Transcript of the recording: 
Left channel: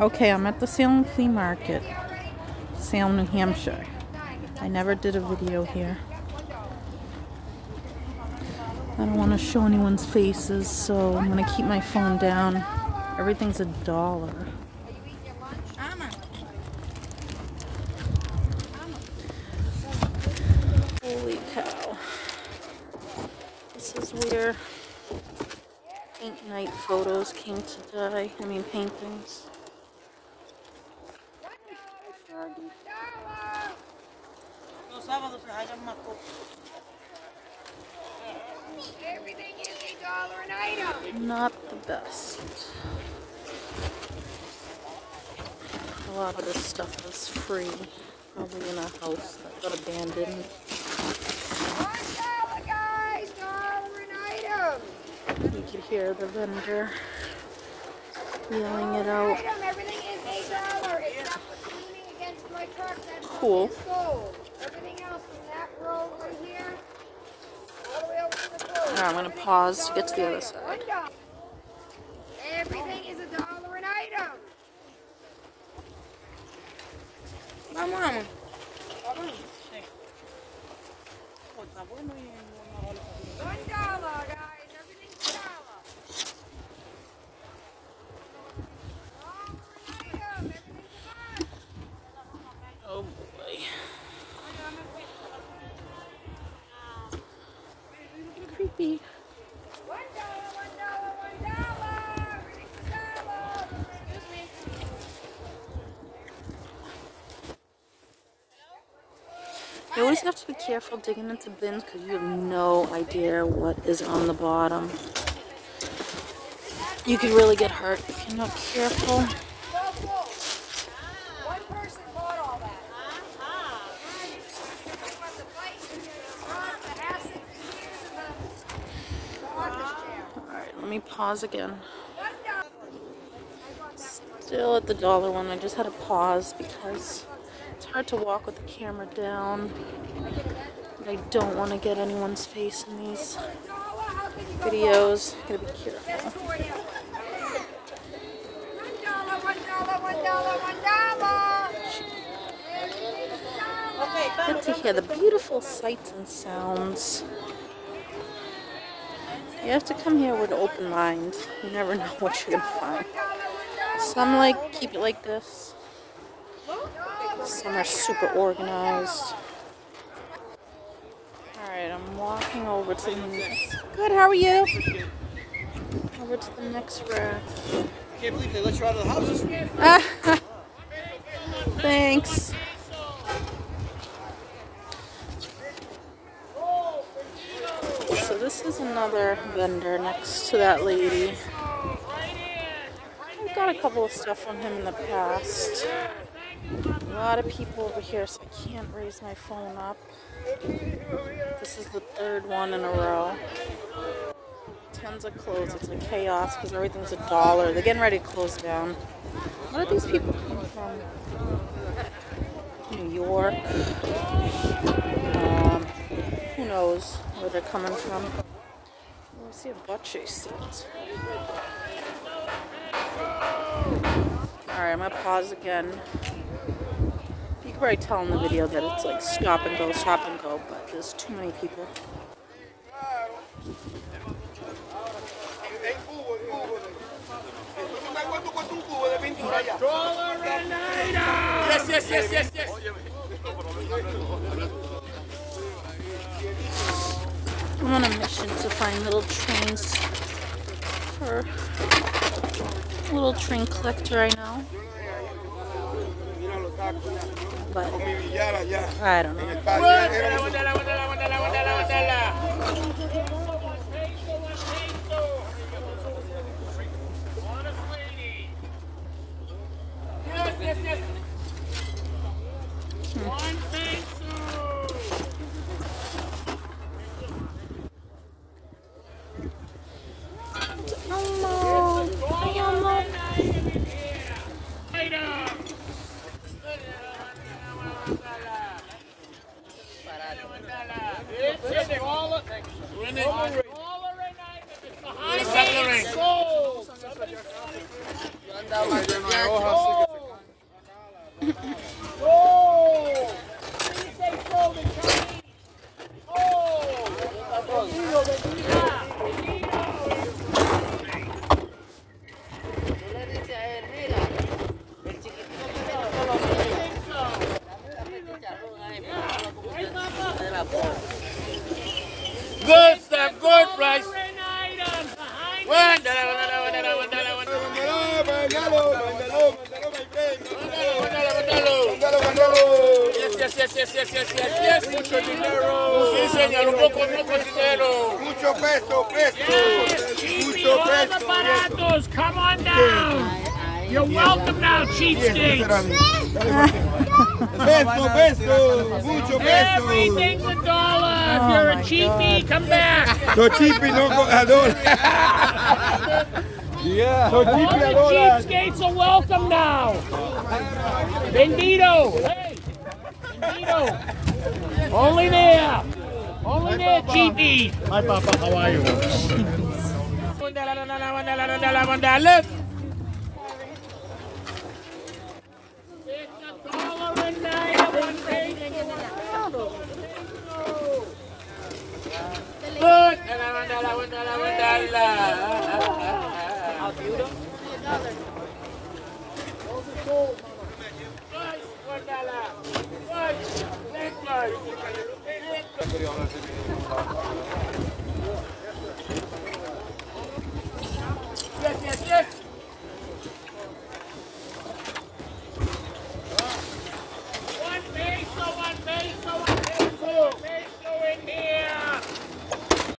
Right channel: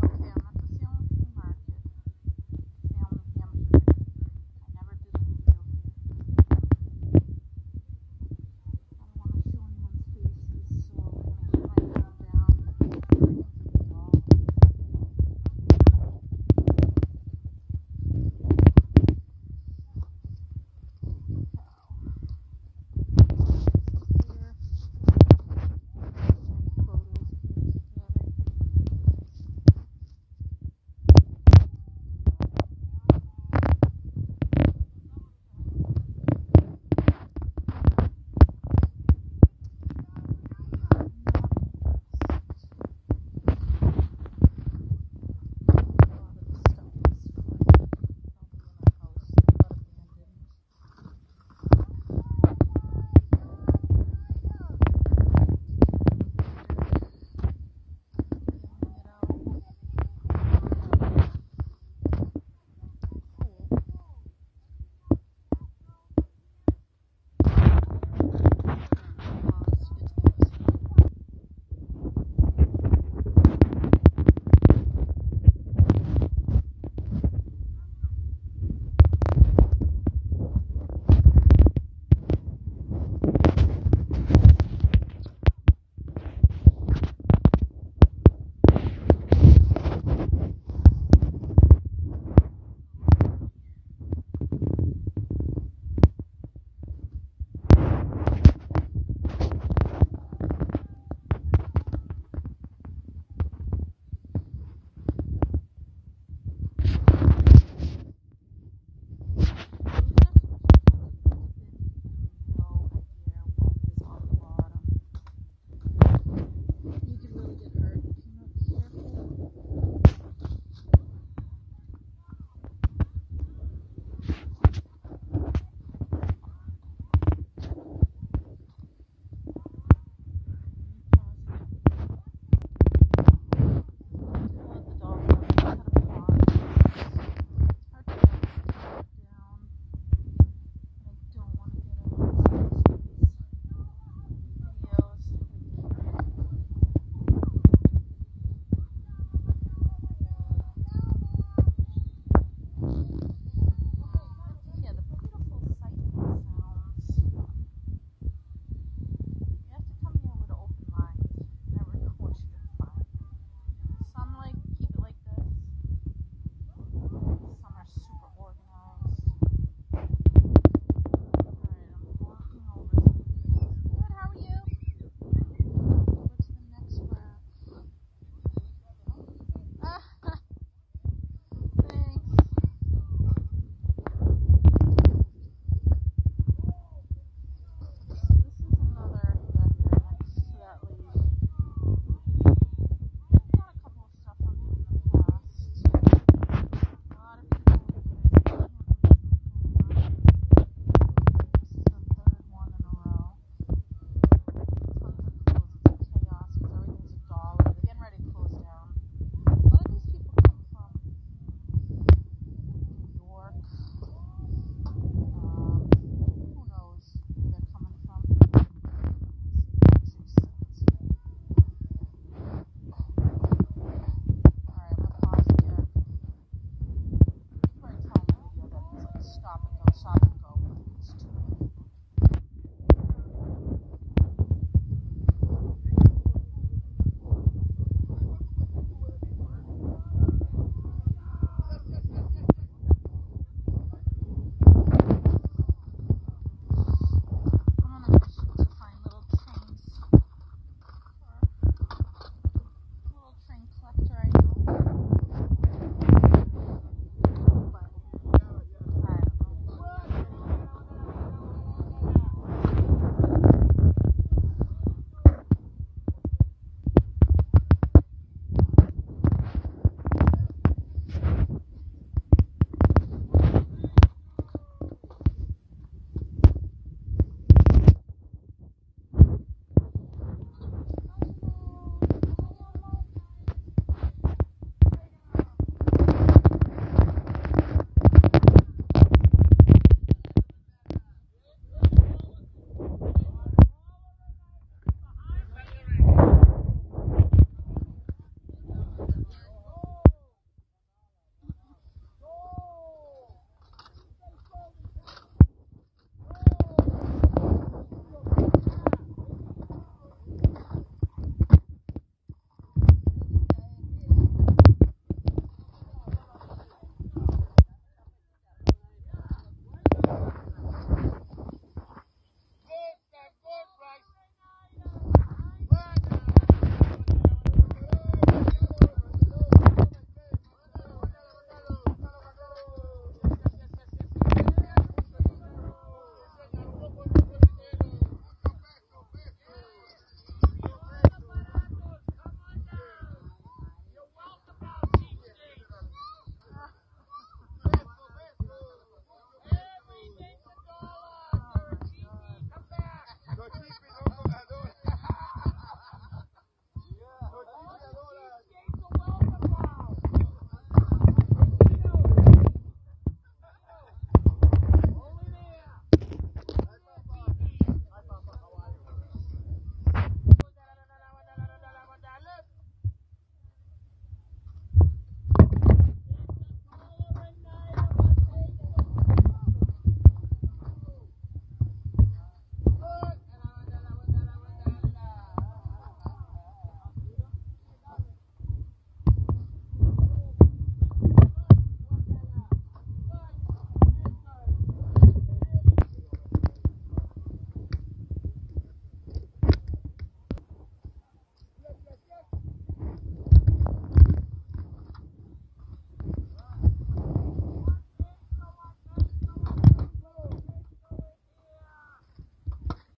Okay, I'm at the Salem Flea Market, Salem, New Hampshire. I never did a video here. I don't want to show anyone's faces, so I'm going to keep my phone down. Everything's $1. Holy cow. This is where paint night photos came today. I mean paintings. Not the best. A lot of this stuff is free. Probably in a house that got abandoned. You can hear the vendor yelling it out. Cool. Now I'm going to pause to get to the other side. You always have to be careful digging into bins because you have no idea what is on the bottom. You could really get hurt if you're not careful. Alright, let me pause again. Still at the dollar one. I just had to pause because it's hard to walk with the camera down. But I don't want to get anyone's face in these videos. Gotta be careful. Good to hear the beautiful sights and sounds. You have to come here with an open mind. You never know what you're gonna find. Some keep it like this. Some are super organized. Alright, I'm walking over to the next. Good, how are you? Over to the next rack. I can't believe they let you out of the house this week. Thanks. So this is another vendor next to that lady. I've got a couple of stuff from him in the past. A lot of people over here, so I can't raise my phone up. This is the third one in a row. Tons of clothes. It's like chaos because everything's $1. They're getting ready to close down. Where do these people come from? New York. Who knows where they're coming from? Let's see a butt chase set. Alright, I'm gonna pause again. You can probably tell in the video that it's like stop and go, but there's too many people. Yes. I'm on a mission to find little trains for a little train collector right now. But I don't know. yes. Mucho dinero. Sí, señor, un poco dinero. Mucho peso. Mucho peso. Baratos, come on down. You're welcome now, cheapskates. Peso. Mucho peso. Everything's $1. If you're a cheapie, come back. So cheapie, no a dólar. Yeah. So All cheapie the a dólar. cheapskates are welcome now. Bendito. Hey, Bendito. Only there, cheapie. Hi, Papa. How are you? Look.